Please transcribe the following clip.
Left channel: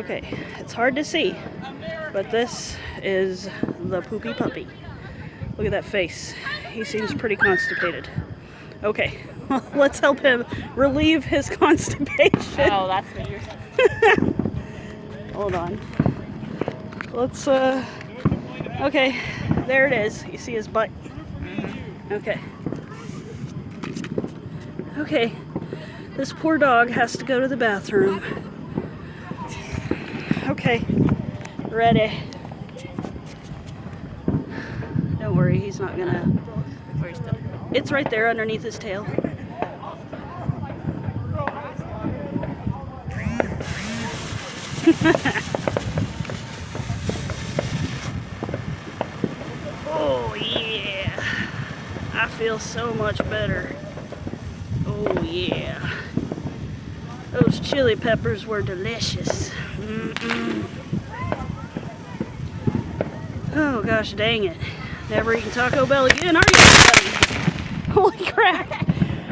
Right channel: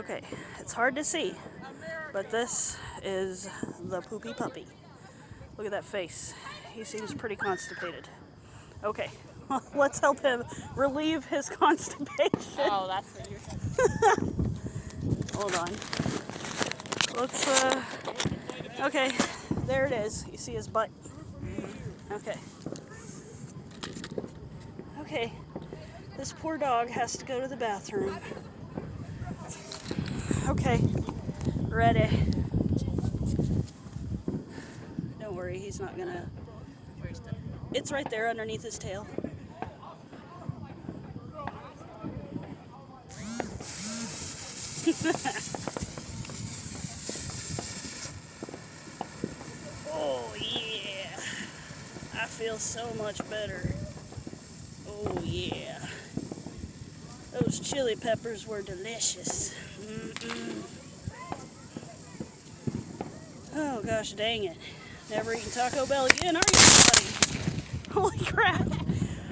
Okay, it's hard to see, but this is the poopy puppy. Look at that face. He seems pretty constipated. Okay, well, let's help him relieve his constipation. Oh, that's what you're Hold on. Let's, okay, there it is. You see his butt? Okay. Okay, this poor dog has to go to the bathroom. Okay, ready. Don't worry, he's not gonna. Where's the... It's right there underneath his tail. Oh yeah, I feel so much better. Oh yeah, those chili peppers were delicious. Oh gosh dang it, never eating Taco Bell again, are you, buddy? Holy crap.